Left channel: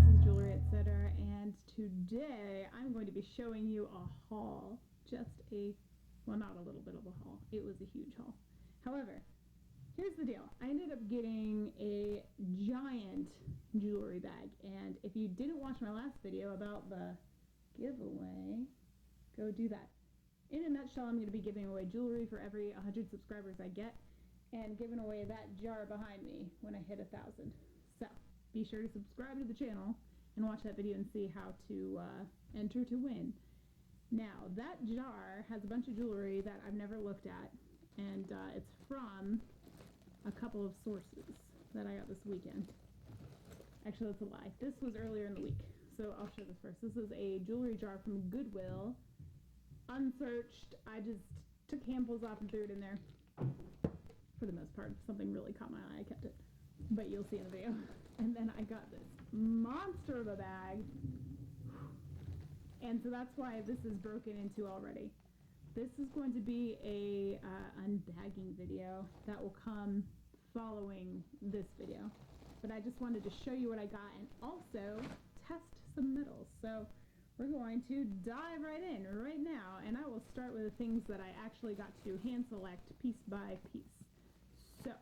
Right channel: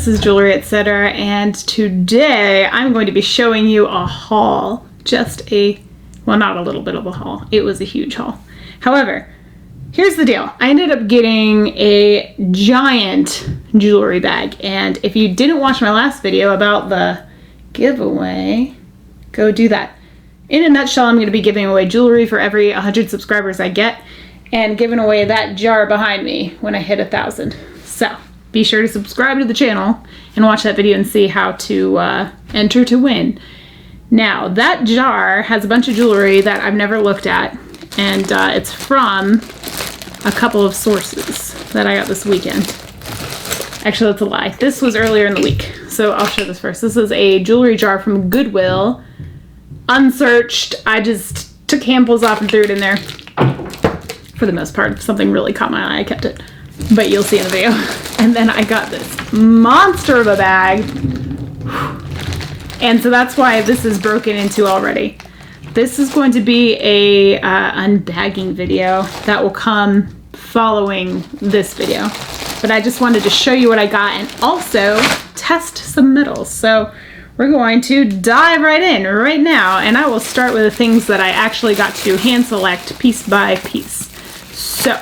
this is Jewelry Etc. and today I'm going to be showing you a haul. Well, not a little bit of a haul. It was a huge haul. However, here's the deal. I ended up getting a giant jewelry bag, and if you didn't watch my last video about the giveaway, go do that. In a nutshell, I'm going to be giving away jewelry for every 100 subscribers I get, and giving away that jar behind me when I hit 1,000. So be sure to subscribe to the channel and watch that video and see how to enter to win. Now, that jar has a bunch of jewelry that I've never looked at, and it's from a couple of sources that I got this weekend. Actually, that's a lie. This was earlier in the week, so I'll show this first. This is a jewelry jar from Goodwill, unsearched. I just took handfuls off and threw it in there. For the most part, if something really caught my eye, I kept it. But you'll see in the video. And then I got this monster of a bag. And so that's why this is broken into already. This is going to be a unbagging video that will come following this video. But I just wanted to show you what I got and also test some metals. So we're going to dive right in right now, and I will start with the things that I actually got to hand select piece by piece. So,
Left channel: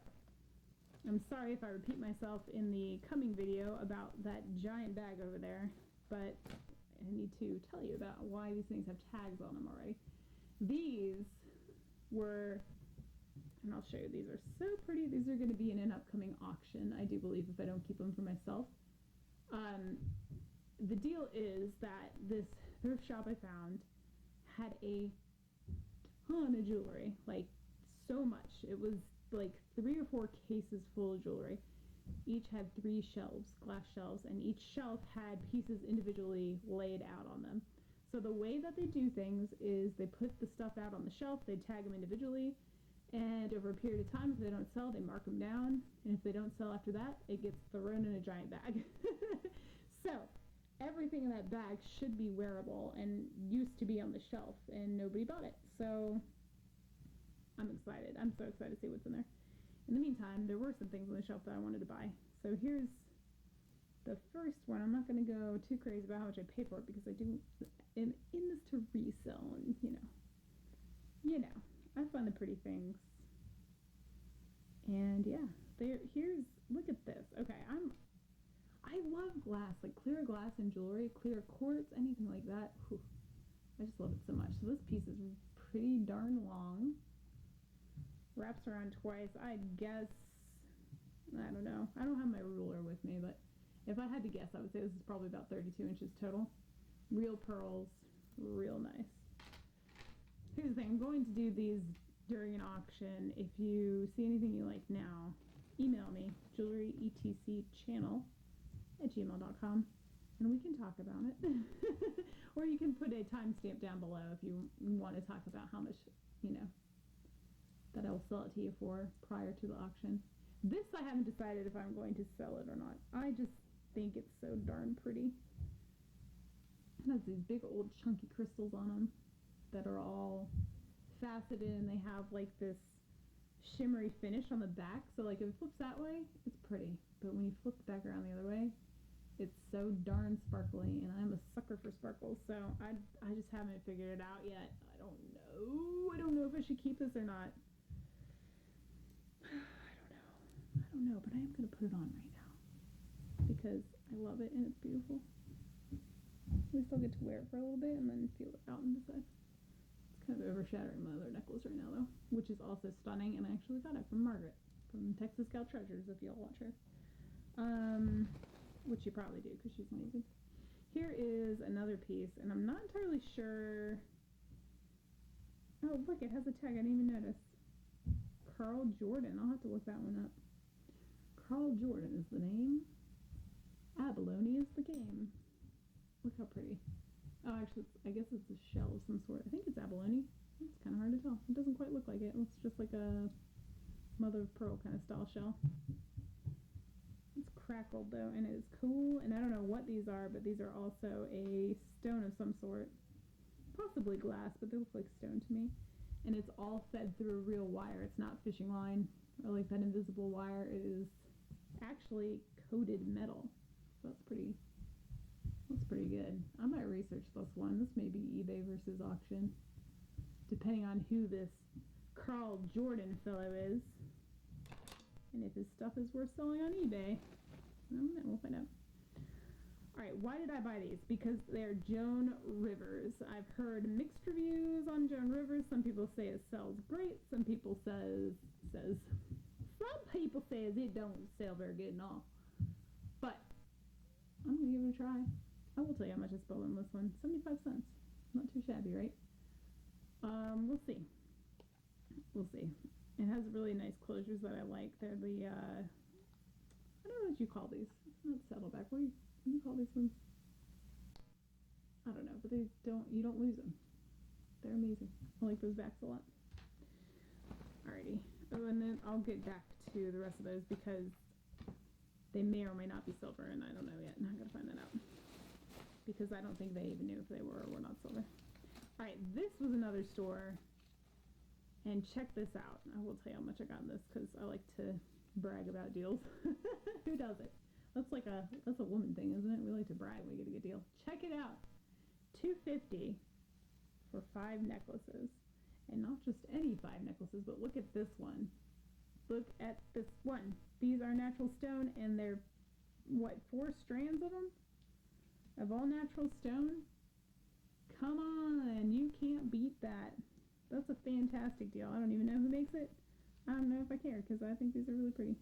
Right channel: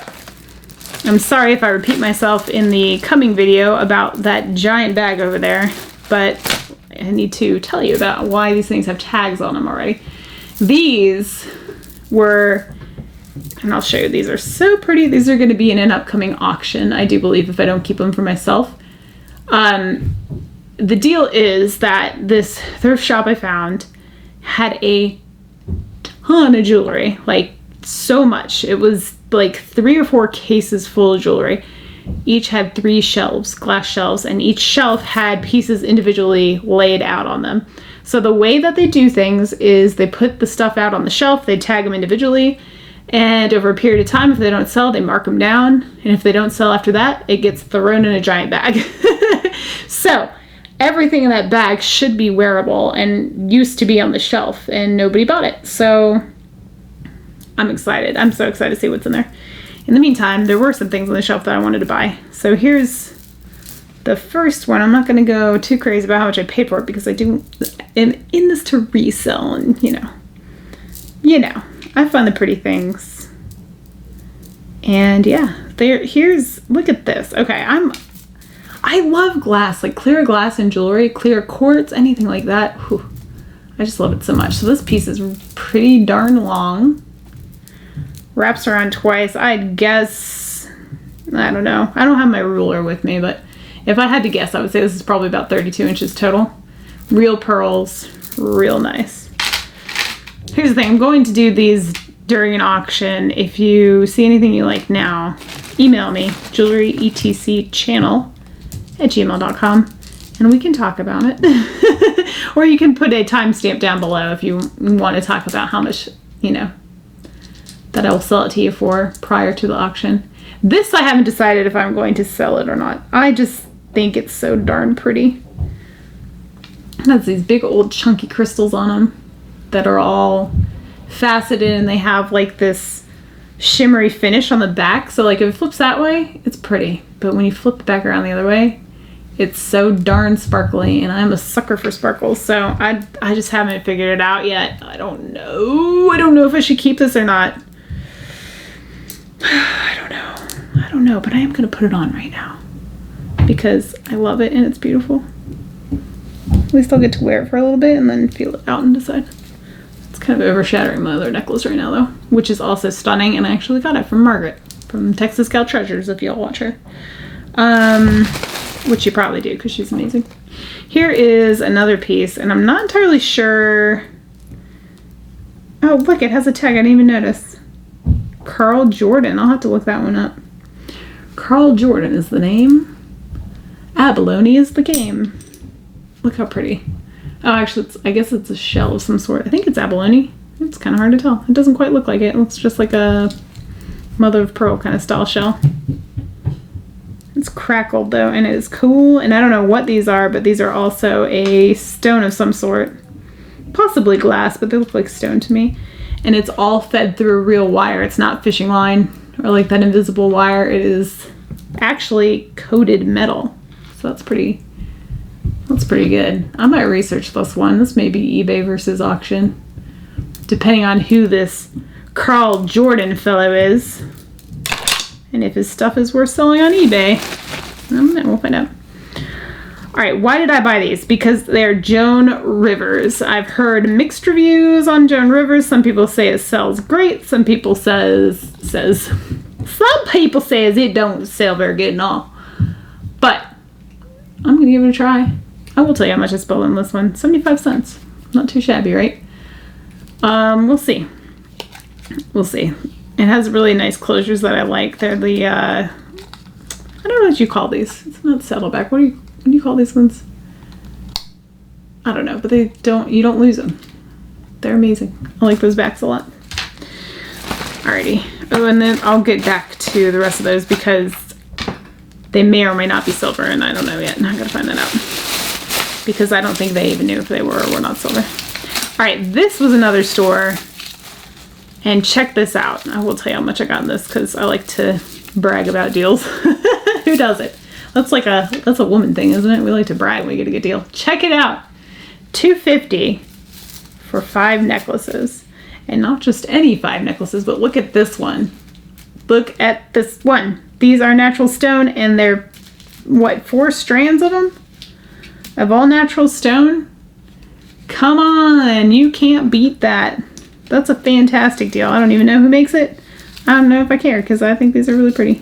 I'm sorry if I repeat myself in the coming video about that giant bag over there, but I need to tell you about why these things have tags on them already. These were, and I'll show you, these are so pretty. These are going to be in an upcoming auction, I do believe, if I don't keep them for myself. The deal is that this thrift shop I found had a ton of jewelry, like so much. It was like 3 or 4 cases full of jewelry. Each had 3 shelves, glass shelves, and each shelf had pieces individually laid out on them. So the way that they do things is they put the stuff out on the shelf, they tag them individually, and over a period of time, if they don't sell, they mark them down, and if they don't sell after that, it gets thrown in a giant bag. So everything in that bag should be wearable and used to be on the shelf, and nobody bought it. So I'm excited. I'm so excited to see what's in there. In the meantime, there were some things on the shelf that I wanted to buy. So here's the first one. I'm not going to go too crazy about how much I paid for it because I am in this to resell, and you know, I find the pretty things. And yeah, look at this. Okay, I love glass, like clear glass and jewelry, clear quartz, anything like that. Whew, I just love it so much. So this piece is pretty darn long. Wraps around twice. I'd guess, I don't know. I don't have my ruler with me, but if I had to guess, I would say this is probably about 32 inches total. Real pearls, real nice. Here's the thing, I'm going to do these during an auction. If you see anything you like now, email me, jewelryetcchannel@gmail.com, and we can talk about it. Or you can put a timestamp down below if you want to talk about how much, that I will sell it to you for prior to the auction. This I haven't decided if I'm going to sell it or not. I just think it's so darn pretty. It has these big old chunky crystals on them that are all faceted, and they have like this shimmery finish on the back. So like if it flips that way, it's pretty. But when you flip it back around the other way, it's so darn sparkly, and I'm a sucker for sparkles. So I just haven't figured it out yet. I don't know. I don't know if I should keep this or not. I don't know, but I am going to put it on right now because I love it and it's beautiful. At least I'll get to wear it for a little bit and then feel it out and decide. It's kind of overshadowing my other necklace right now though, which is also stunning, and I actually got it from Margaret from Texas Gal Treasures if y'all watch her. Which you probably do because she's amazing. Here is another piece, and I'm not entirely sure. Oh, look, it has a tag. I didn't even notice. Carl Jordan. I'll have to look that one up. Carl Jordan is the name. Abalone is the game. Look how pretty. Oh, actually, I guess it's a shell of some sort. I think it's abalone. It's kind of hard to tell. It doesn't quite look like it. It looks just like a mother of pearl kind of style shell. It's crackled though, and it is cool, and I don't know what these are, but these are also a stone of some sort. Possibly glass, but they look like stone to me. And it's all fed through a real wire. It's not fishing line or like that invisible wire. It is actually coated metal. So that's pretty That's pretty good. I might research this one. This may be eBay versus auction, depending on who this Carl Jordan fellow is. And if his stuff is worth selling on eBay. I don't know, we'll find out. Alright, why did I buy these? Because they're Joan Rivers. I've heard mixed reviews on Joan Rivers. Some people say it sells great. Some people say it don't sell very good and all. But I'm going to give it a try. I will tell you how much I spent on this one. 75 cents. Not too shabby, right? We'll see. We'll see. It has really nice closures that I like. They're the, I don't know what you call these. It's not saddleback. What do you call these ones? I don't know, but you don't lose them. They're amazing. I like those backs a lot. Alrighty. Oh, and then I'll get back to the rest of those because they may or may not be silver, and I don't know yet. I gotta find that out. Because I don't think they even knew if they were or were not silver. Alright, this was another store. And check this out. I will tell you how much I got in this because I like to brag about deals. Who doesn't? That's a woman thing, isn't it? We like to brag when we get a good deal. Check it out. $2.50 for 5 necklaces. And not just any 5 necklaces, but look at this one. Look at this one. These are natural stone and they're, 4 strands of them? Of all natural stone? Come on, you can't beat that. That's a fantastic deal. I don't even know who makes it. I don't know if I care because I think these are really pretty.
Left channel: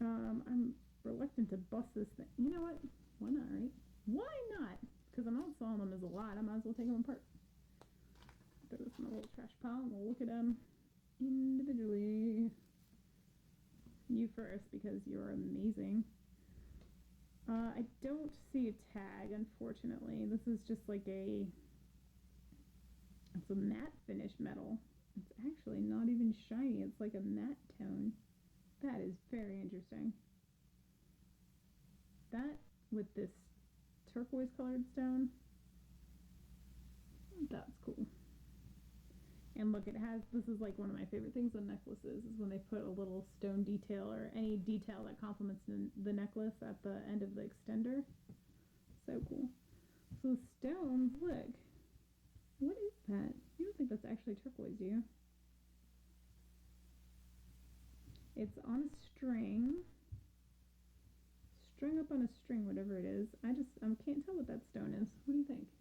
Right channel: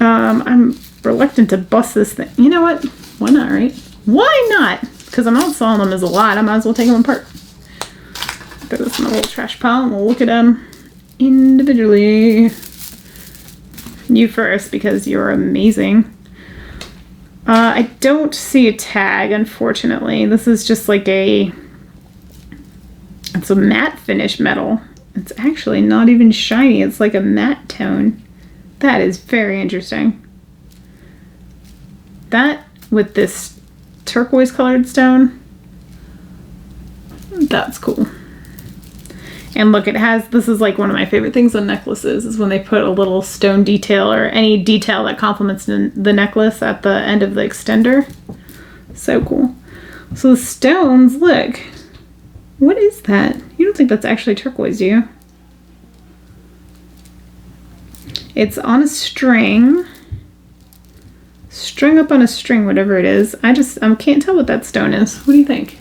I'm reluctant to bust this thing. You know what? Why not, right? Why not? Because I'm not selling them as a lot. I might as well take them apart. Throw this in the little trash pile and we'll look at them individually. You first because you're amazing. I don't see a tag, unfortunately. This is just like it's a matte finish metal. It's actually not even shiny. It's like a matte tone. That is very interesting. That with this turquoise colored stone, that's cool. And look, this is like one of my favorite things on necklaces is when they put a little stone detail or any detail that complements the necklace at the end of the extender. So cool. So the stones, look. What is that? You don't think that's actually turquoise, do you? It's on a string. String up on a string, whatever it is. I can't tell what that stone is. What do you think?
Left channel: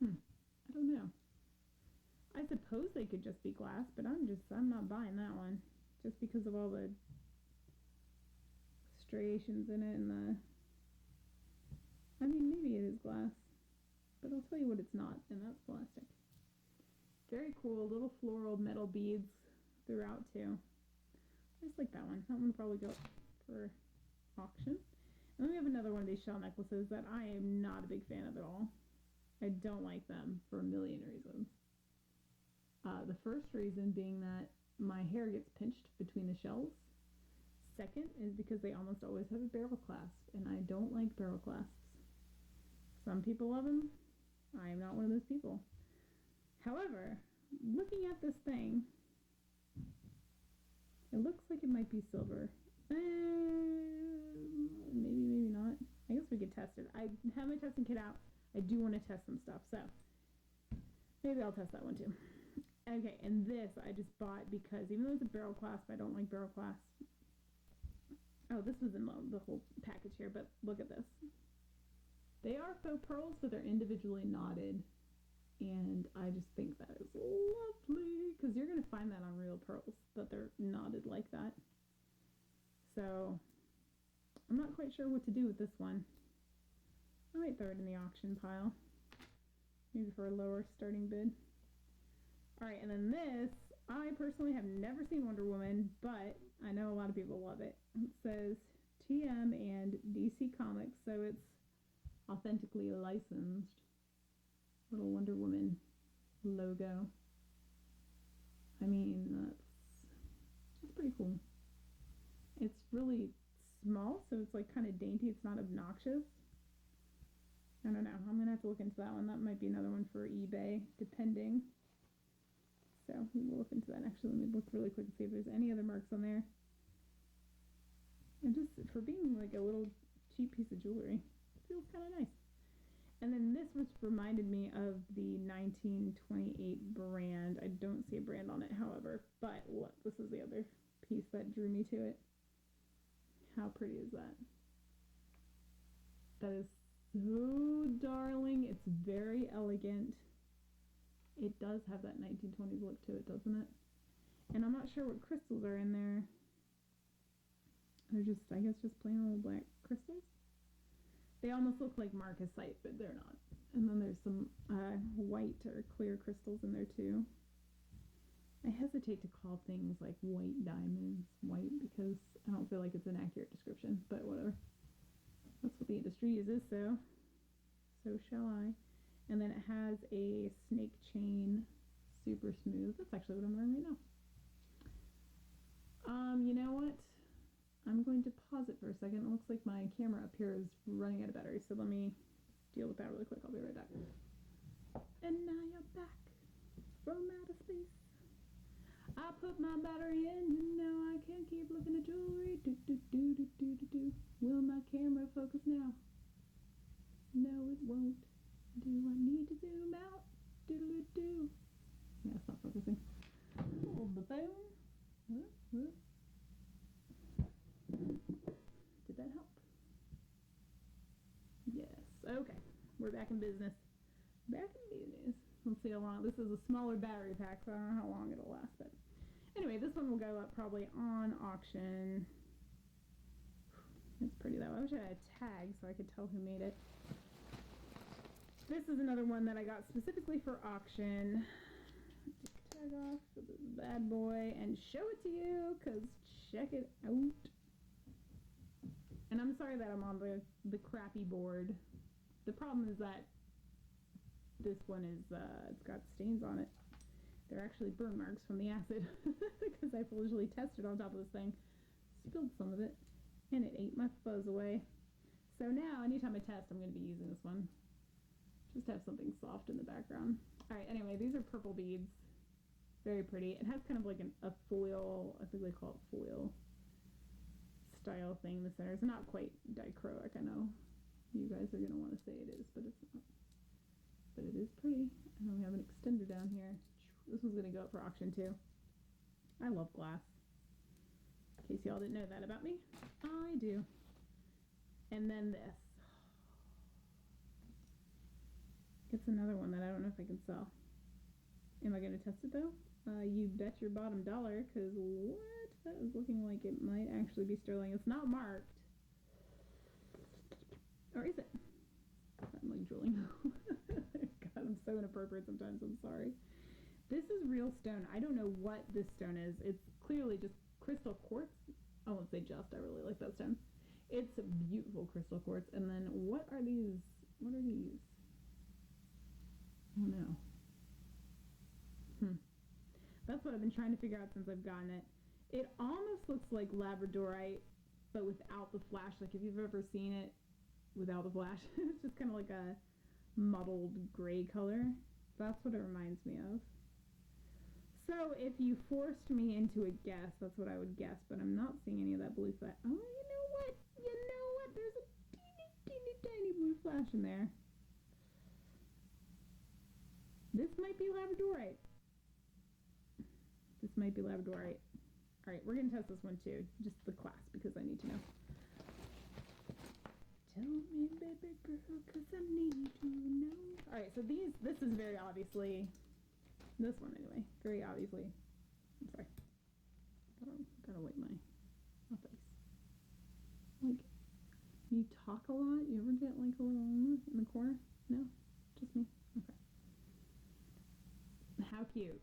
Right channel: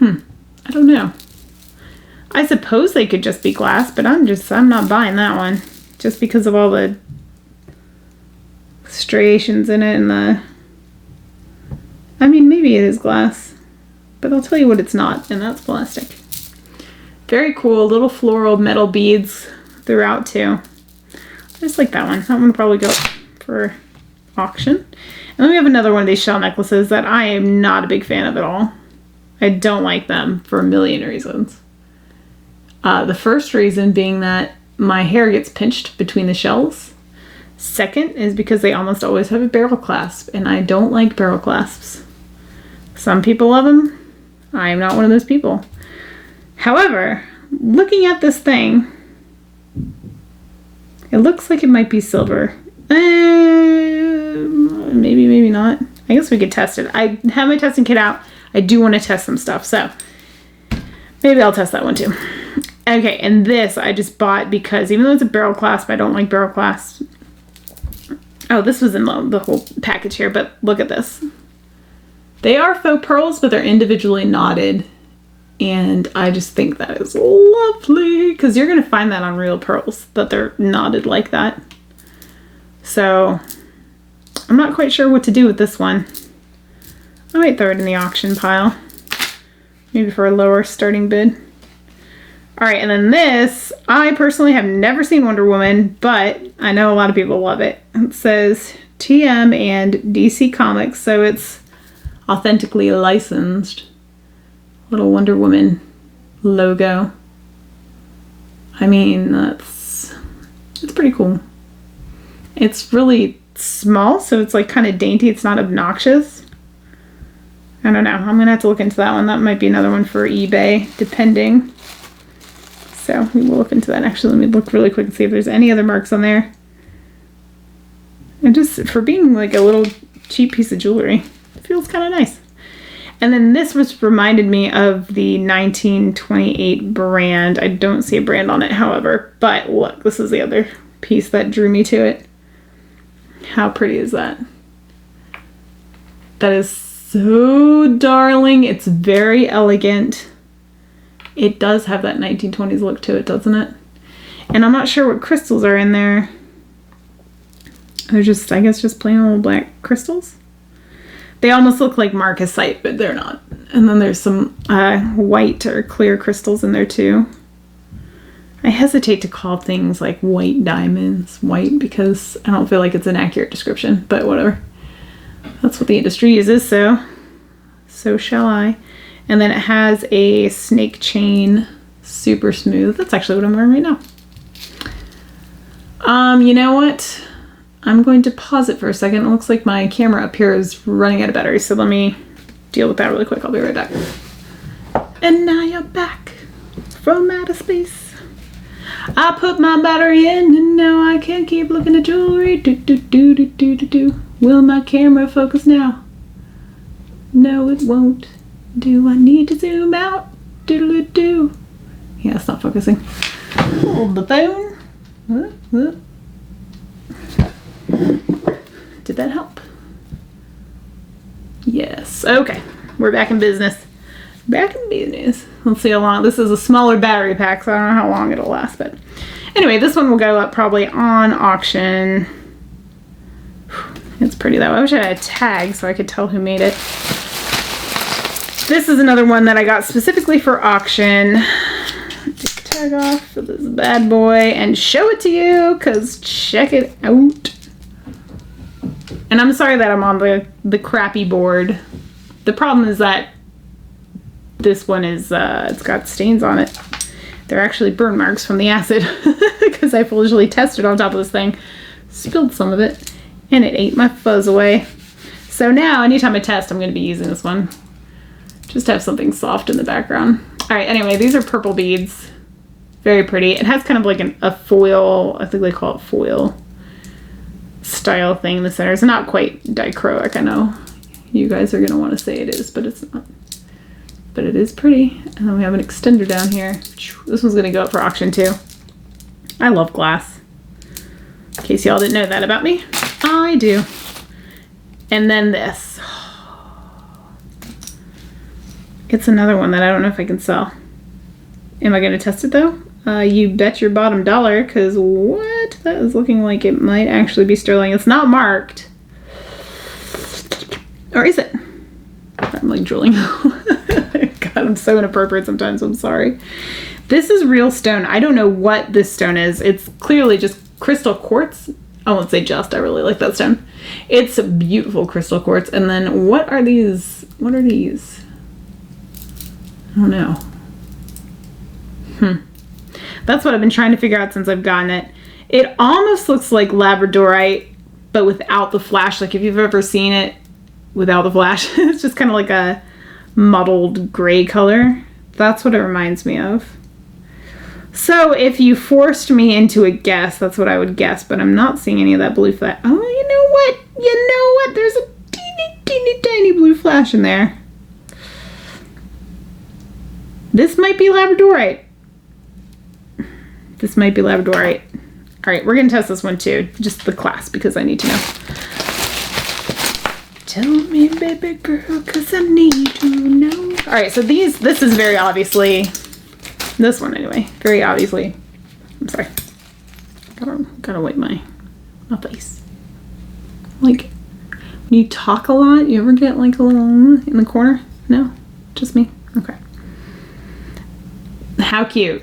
I don't know. I suppose they could just be glass, but I'm not buying that one. Just because of all the striations in it and I mean, maybe it is glass. But I'll tell you what it's not, and that's plastic. Very cool, little floral metal beads throughout too. I just like that one. That one will probably go for auction. And then we have another one of these shell necklaces that I am not a big fan of at all. I don't like them for a million reasons. The first reason being that my hair gets pinched between the shells. Second is because they almost always have a barrel clasp, and I don't like barrel clasps. Some people love them. I am not one of those people. However, looking at this thing, it looks like it might be silver. Maybe, maybe not. I guess we could test it. I have my testing kit out. I do want to test some stuff, so maybe I'll test that one too. Okay, and this I just bought because even though it's a barrel clasp, I don't like barrel clasps. Oh, this was in the whole package here, but look at this. They are faux pearls, but they're individually knotted. And I just think that is lovely because you're going to find that on real pearls, that they're knotted like that. So I'm not quite sure what to do with this one. I might throw it in the auction pile. Maybe for a lower starting bid. Alright, and then this, I personally have never seen Wonder Woman, but I know a lot of people love it. It says TM and DC Comics, so it's authentically licensed. Little Wonder Woman logo. I mean, it's pretty cool. It's really small, so it's like kind of dainty. It's not obnoxious. I don't know. I'm gonna have to look into that one. That might be another one for eBay, depending. So we will look into that. Actually, let me look really quick and see if there's any other marks on there. And just for being like a little cheap piece of jewelry, it feels kind of nice. And then this was reminded me of the 1928 brand. I don't see a brand on it, however, but look, this is the other piece that drew me to it. How pretty is that? That is so darling. It's very elegant. It does have that 1920s look to it, doesn't it? And I'm not sure what crystals are in there. They're just, I guess, just plain old black crystals. They almost look like marcasite, but they're not. And then there's some white or clear crystals in there too. I hesitate to call things like white diamonds white because I don't feel like it's an accurate description, but whatever. That's what the industry uses, so shall I. And then it has a snake chain, super smooth. That's actually what I'm wearing right now. You know what? I'm going to pause it for a second. It looks like my camera up here is running out of battery, so let me deal with that really quick. I'll be right back. And now you're back from outer space. I put my battery in and now I can't keep looking at jewelry. Do. Will my camera focus now? No, it won't. Do I need to zoom out? Do. Yeah, it's not focusing. Hold the phone. Did that help? Yes. Okay. We're back in business. Back in business. Let's see how long. This is a smaller battery pack, so I don't know how long it'll last. But anyway, this one will go up probably on auction. It's pretty though. I wish I had a tag so I could tell who made it. This is another one that I got specifically for auction. Take the tag off of this bad boy and show it to you, because check it out. And I'm sorry that I'm on the crappy board. The problem is that this one is, it's got stains on it. They're actually burn marks from the acid because I foolishly tested on top of this thing. Spilled some of it and it ate my fuzz away. So now anytime I test, I'm going to be using this one. Just to have something soft in the background. All right, anyway, these are purple beads. Very pretty. It has kind of like a foil, I think they call it foil style thing in the center. It's not quite dichroic. I know you guys are going to want to say it is, but it's not. But it is pretty. And then we have an extender down here. This one's going to go up for auction too. I love glass. In case y'all didn't know that about me, I do. And then this. It's another one that I don't know if I can sell. Am I going to test it though? You bet your bottom dollar, because what? That is looking like it might actually be sterling. It's not marked. Or is it? I'm like drooling. God, I'm so inappropriate sometimes. I'm sorry. This is real stone. I don't know what this stone is. It's clearly just crystal quartz. I won't say just. I really like that stone. It's a beautiful crystal quartz. And then what are these? What are these? I don't know. That's what I've been trying to figure out since I've gotten it. It almost looks like labradorite, but without the flash. Like if you've ever seen it without the flash, it's just kind of like a muddled gray color. That's what it reminds me of. So if you forced me into a guess, that's what I would guess, but I'm not seeing any of that blue flash. Oh, you know what? You know what? There's a teeny, teeny, tiny blue flash in there. This might be labradorite. This might be labradorite. All right, we're going to test this one too. Just the class, because I need to know. Tell me, baby girl, because I need to know. All right, so this is very obviously, this one anyway, very obviously, I'm sorry. Gotta wipe my face. Like, when you talk a lot, you ever get like a little in the corner? No? Just me? Okay. How cute.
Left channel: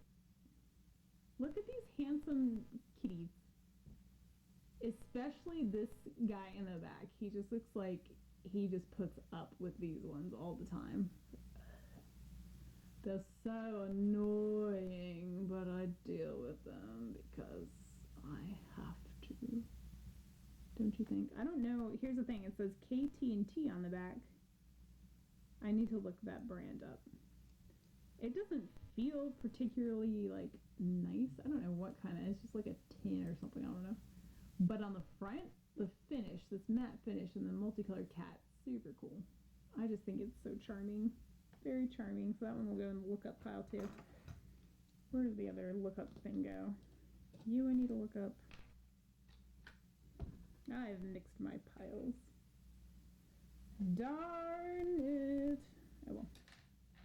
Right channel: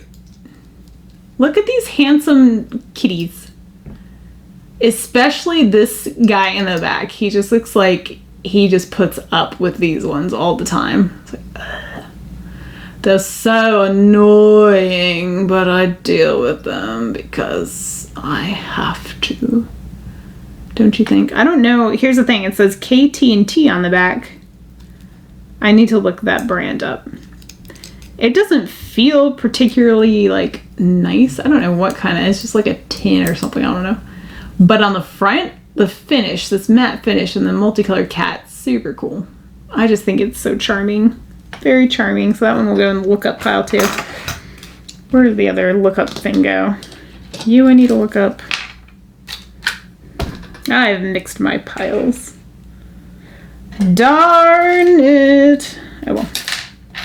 Look at these handsome kitties. Especially this guy in the back. He just looks like he just puts up with these ones all the time. It's like, ugh. They're so annoying, but I deal with them because I have to. Don't you think? I don't know. Here's the thing. It says KT&T on the back. I need to look that brand up. It doesn't feel particularly like nice. I don't know what kind of, it's just like a tin or something. I don't know. But on the front, the finish, this matte finish, and the multicolored cat, super cool. I just think it's so charming. Very charming. So that one will go in the look up pile too. Where did the other look up thing go? You, I need to look up. I've mixed my piles. Darn it. Oh well.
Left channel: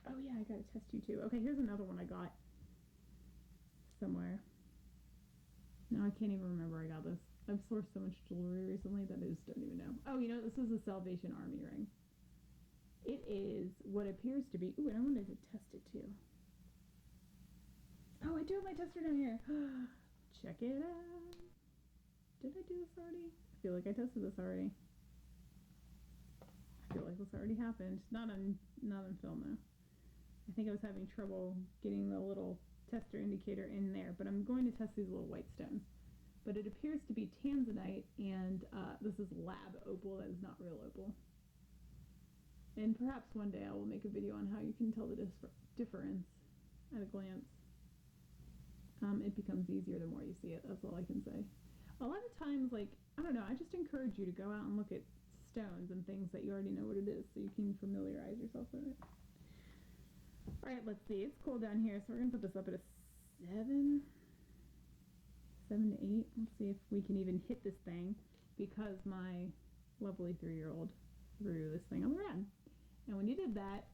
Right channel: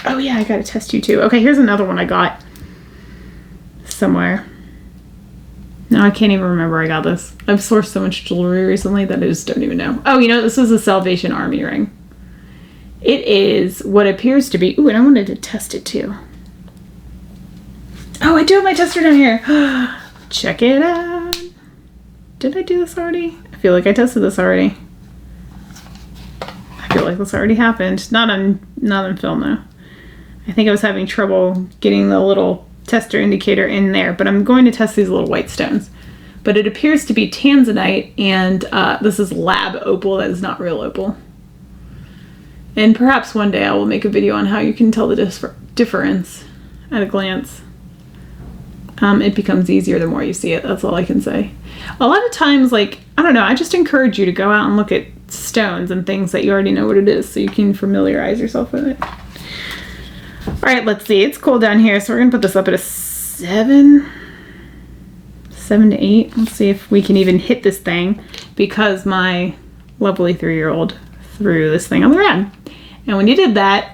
Oh yeah, I gotta test you too. Okay, here's another one I got somewhere. No, I can't even remember I got this. I've sourced so much jewelry recently that I just don't even know. Oh, you know, this is a Salvation Army ring. It is what appears to be... Ooh, and I wanted to test it too. Oh, I do have my tester down here. Check it out. Did I do this already? I feel like I tested this already. I feel like this already happened. Not on film though. I think I was having trouble getting the little tester indicator in there, but I'm going to test these little white stones. But it appears to be tanzanite, and this is lab opal. That is not real opal. And perhaps one day I will make a video on how you can tell the difference at a glance. It becomes easier the more you see it. That's all I can say. A lot of times, like, I don't know, I just encourage you to go out and look at stones and things that you already know what it is so you can familiarize yourself with it. All right, let's see. It's cold down here, so we're going to put this up at a 7 to 8. Let's see if we can even hit this thing because my lovely 3-year-old threw this thing on the ground. And when he did that,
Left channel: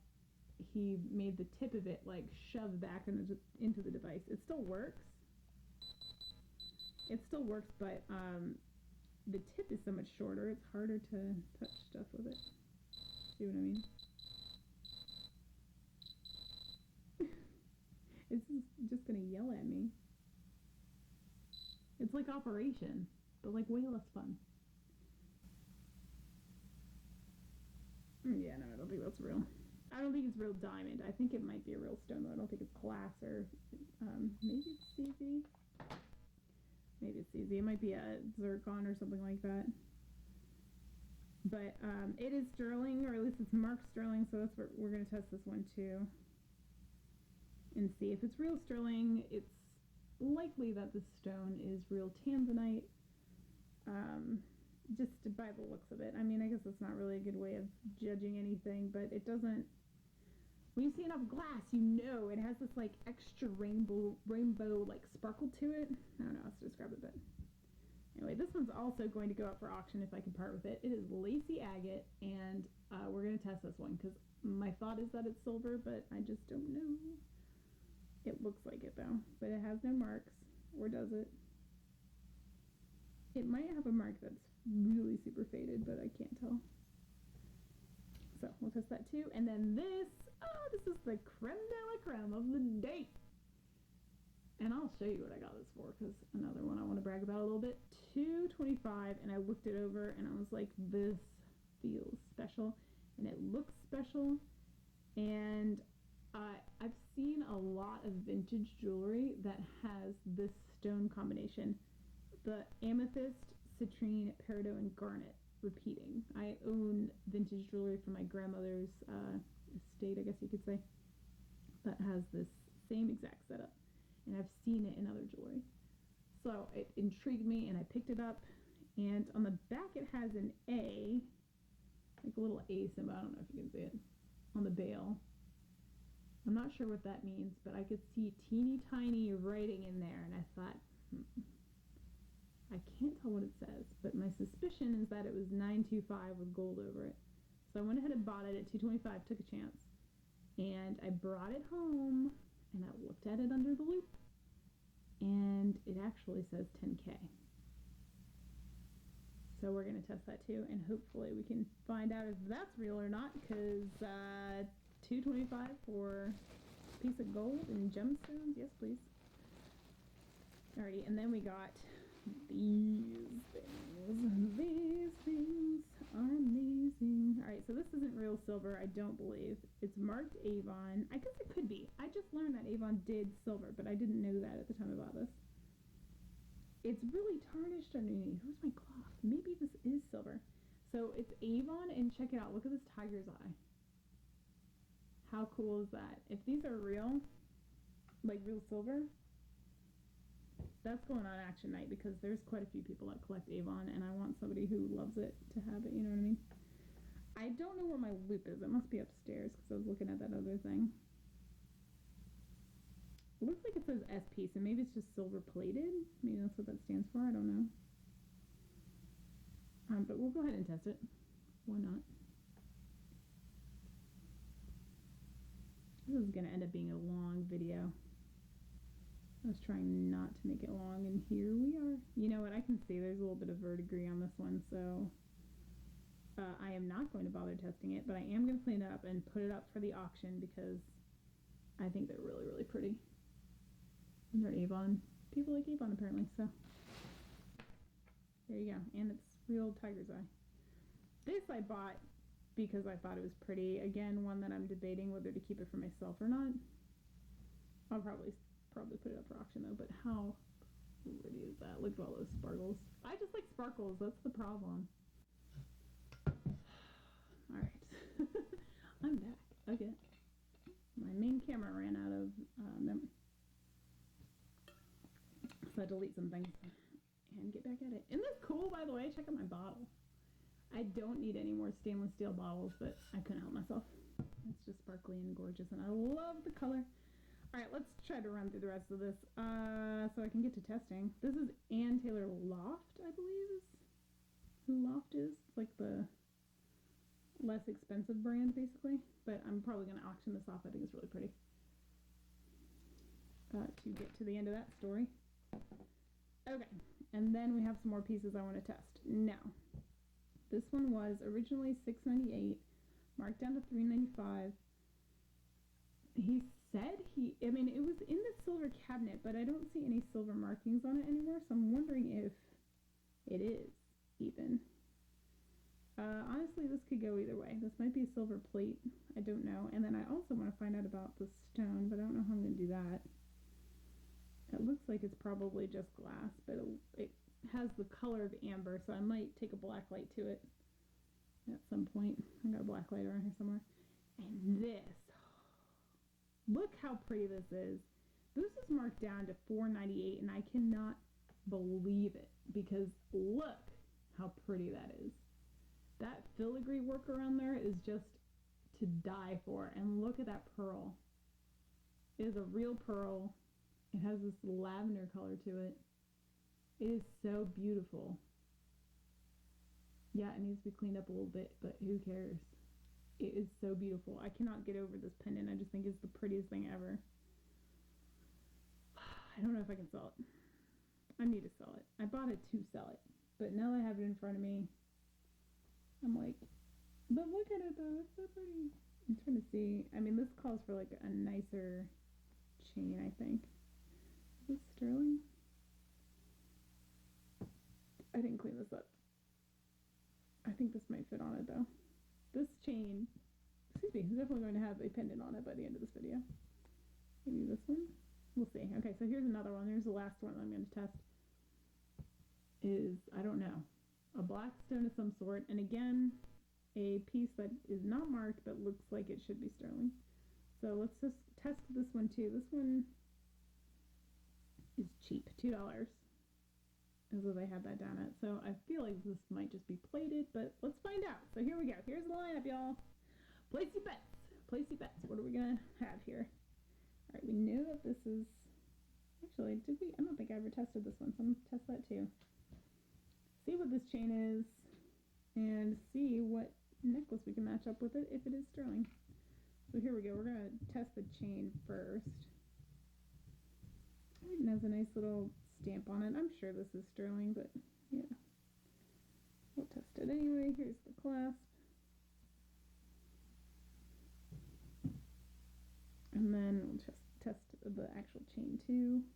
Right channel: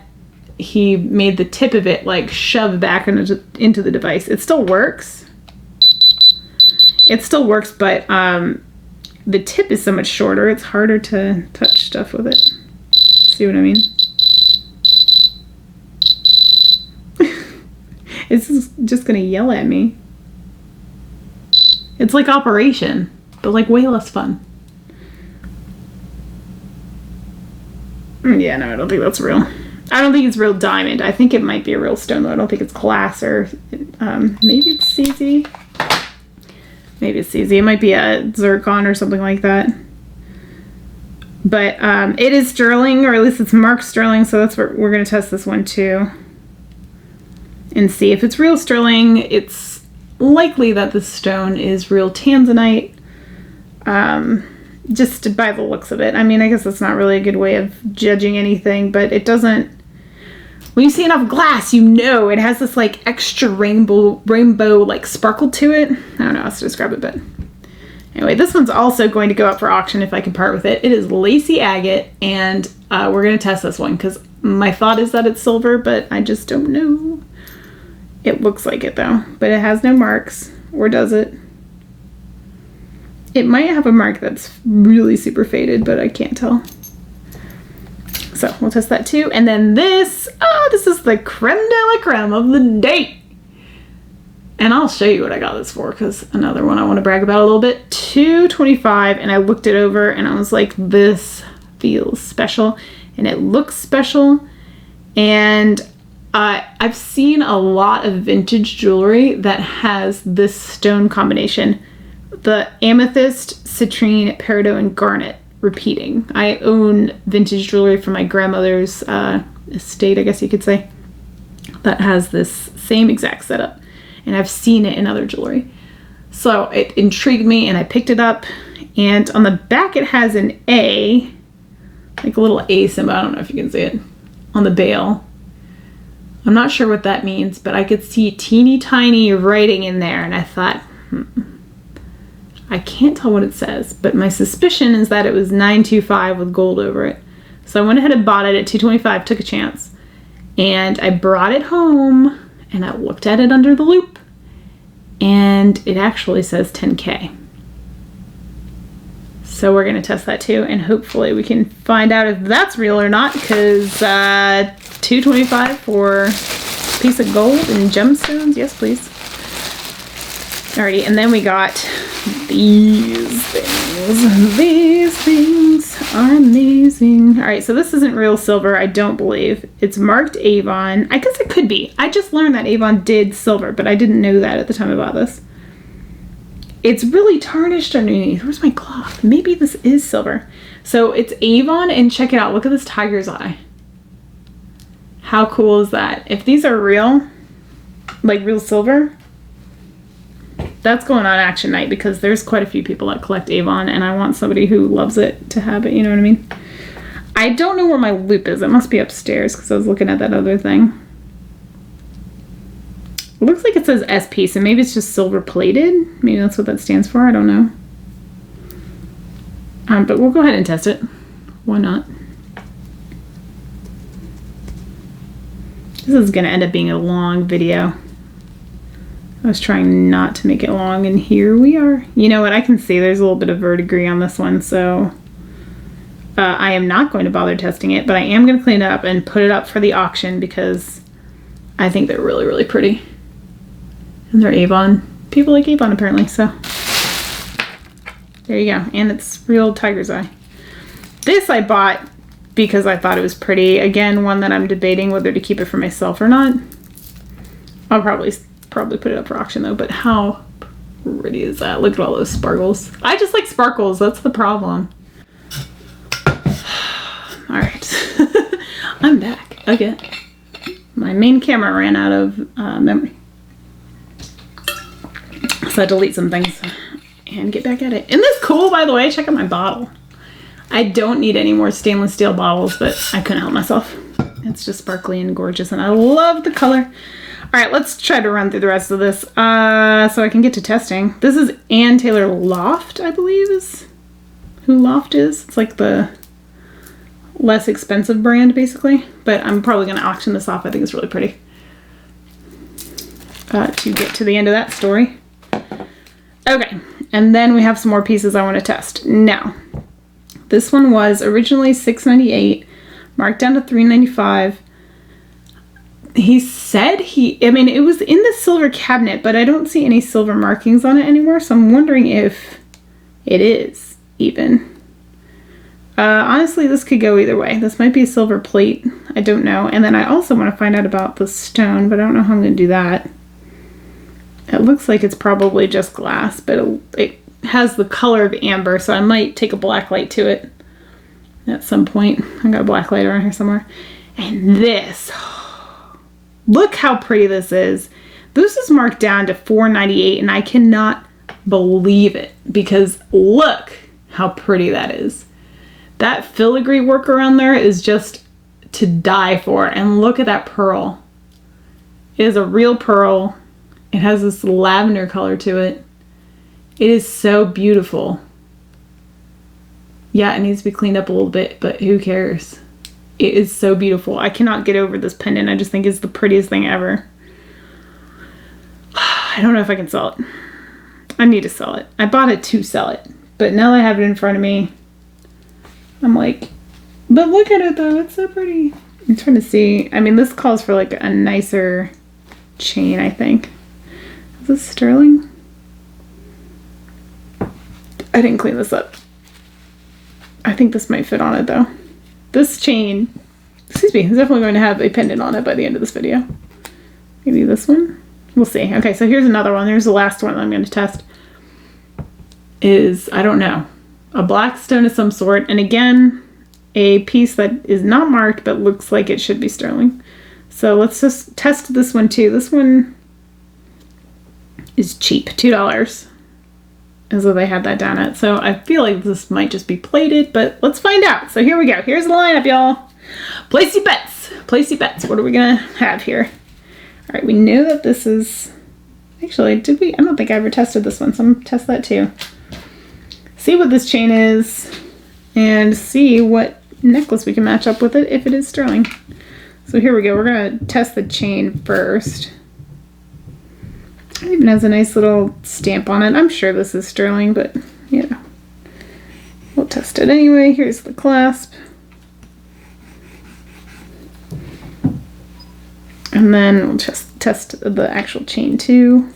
he made the tip of it like shove back into the device. It still works. It still works, but the tip is so much shorter. It's harder to touch stuff with it. See what I mean? It's just gonna yell at me. It's like Operation, but like way less fun. Yeah, no, I don't think that's real. I don't think it's real diamond. I think it might be a real stone, though. I don't think it's glass or maybe it's CZ. Maybe it's CZ. It might be a zircon or something like that. But it is sterling, or at least it's marked sterling, so that's what we're going to test this one too. And see if it's real sterling. It's likely that the stone is real tanzanite. Just by the looks of it. I mean, I guess that's not really a good way of judging anything, but it doesn't... When you see enough glass, you know it has this like extra rainbow like sparkle to it. I don't know how to describe it, but anyway, this one's also going to go up for auction if I can part with it. It is Lacy Agate, and we're going to test this one because my thought is that it's silver, but I just don't know. It looks like it though, but it has no marks, or does it? It might have a mark that's really super faded, but I can't tell. So we'll test that too. And then this, this is the creme de la creme of the day. And I'll show you what I got this for, because another one I want to brag about a little bit. $2.25, and I looked it over and I was like, this feels special and it looks special. And I've seen a lot of vintage jewelry that has this stone combination. The amethyst, citrine, peridot, and garnet repeating. I own vintage jewelry from my grandmother's estate, I guess you could say, that has this same exact setup. And I've seen it in other jewelry. So it intrigued me and I picked it up. And on the back it has an A, like a little A symbol. I don't know if you can see it on the bail. I'm not sure what that means, but I could see teeny tiny writing in there. And I thought, I can't tell what it says, but my suspicion is that it was $9.25 with gold over it. So I went ahead and bought it at $2.25, took a chance. And I brought it home and I looked at it under the loop. And it actually says 10K. So we're going to test that too, and hopefully we can find out if that's real or not, because $2.25 for a piece of gold and gemstones, yes please. Alrighty, and then we got these things. These things are amazing. Alright, so this isn't real silver, I don't believe. It's marked Avon. I guess it could be. I just learned that Avon did silver, but I didn't know that at the time I bought this. It's really tarnished underneath. Where's my cloth? Maybe this is silver. So it's Avon, and check it out. Look at this tiger's eye. How cool is that? If these are real, like real silver, that's going on action night because there's quite a few people that collect Avon, and I want somebody who loves it to have it, you know what I mean? I don't know where my loop is. It must be upstairs because I was looking at that other thing. It looks like it says SP, so maybe it's just silver plated. Maybe that's what that stands for. I don't know. But we'll go ahead and test it. Why not? This is going to end up being a long video. I was trying not to make it long, and here we are. You know what? I can see there's a little bit of verdigris on this one, so I am not going to bother testing it, but I am going to clean it up and put it up for the auction because I think they're really, really pretty. And they're Avon. People like Avon, apparently, so there you go. And it's real tiger's eye. This I bought because I thought it was pretty. Again, one that I'm debating whether to keep it for myself or not. I'll probably put it up for auction though, but how pretty is that? Look at all those sparkles. I just like sparkles, that's the problem. Alright. I'm back again. My main camera ran out of memory. So I delete some things and get back at it. Isn't this cool, by the way? Check out my bottle. I don't need any more stainless steel bottles, but I couldn't help myself. It's just sparkly and gorgeous, and I love the color. All right, let's try to run through the rest of this so I can get to testing. This is Taylor Loft, I believe is who Loft is. It's like the less expensive brand, basically. But I'm probably going to auction this off. I think it's really pretty. To get to the end of that story. Okay, and then we have some more pieces I want to test. Now, this one was originally $6.98, marked down to $3.95. He said it was in the silver cabinet, but I don't see any silver markings on it anymore, so I'm wondering if it is even. Honestly, this could go either way. This might be a silver plate. I don't know. And then I also want to find out about the stone, but I don't know how I'm going to do that. It looks like it's probably just glass, but it has the color of amber, so I might take a black light to it at some point. I got a black light around here somewhere. And this, look how pretty this is. This is marked down to $4.98, and I cannot believe it because look how pretty that is. That filigree work around there is just to die for. And look at that pearl. It is a real pearl. It has this lavender color to it. It is so beautiful. Yeah, it needs to be cleaned up a little bit, but who cares? It is so beautiful. I cannot get over this pendant. I just think it's the prettiest thing ever. I don't know if I can sell it. I need to sell it. I bought it to sell it, but now that I have it in front of me, I'm like, but look at it though. It's so pretty. I'm trying to see. I mean, this calls for like a nicer chain, I think. Is this sterling? I didn't clean this up. I think this might fit on it though. This chain, excuse me, is definitely going to have a pendant on it by the end of this video. Maybe this one? We'll see. Okay, so here's another one. There's the last one that I'm going to test. I don't know, a black stone of some sort. And again, a piece that is not marked but looks like it should be sterling. So let's just test this one too. This one is cheap, $2. Is what they had that down at. So I feel like this might just be plated, but let's find out. So here we go. Here's the lineup, y'all. Place your bets. Place your bets. What are we gonna have here? All right, we know that this is, actually, did we? I don't think I ever tested this one, so I'm gonna test that too. See what this chain is and see what necklace we can match up with it if it is sterling. So here we go. We're gonna test the chain first. It even has a nice little stamp on it. I'm sure this is sterling, but you know, we'll test it anyway. Here's the clasp. And then we'll just test the actual chain too.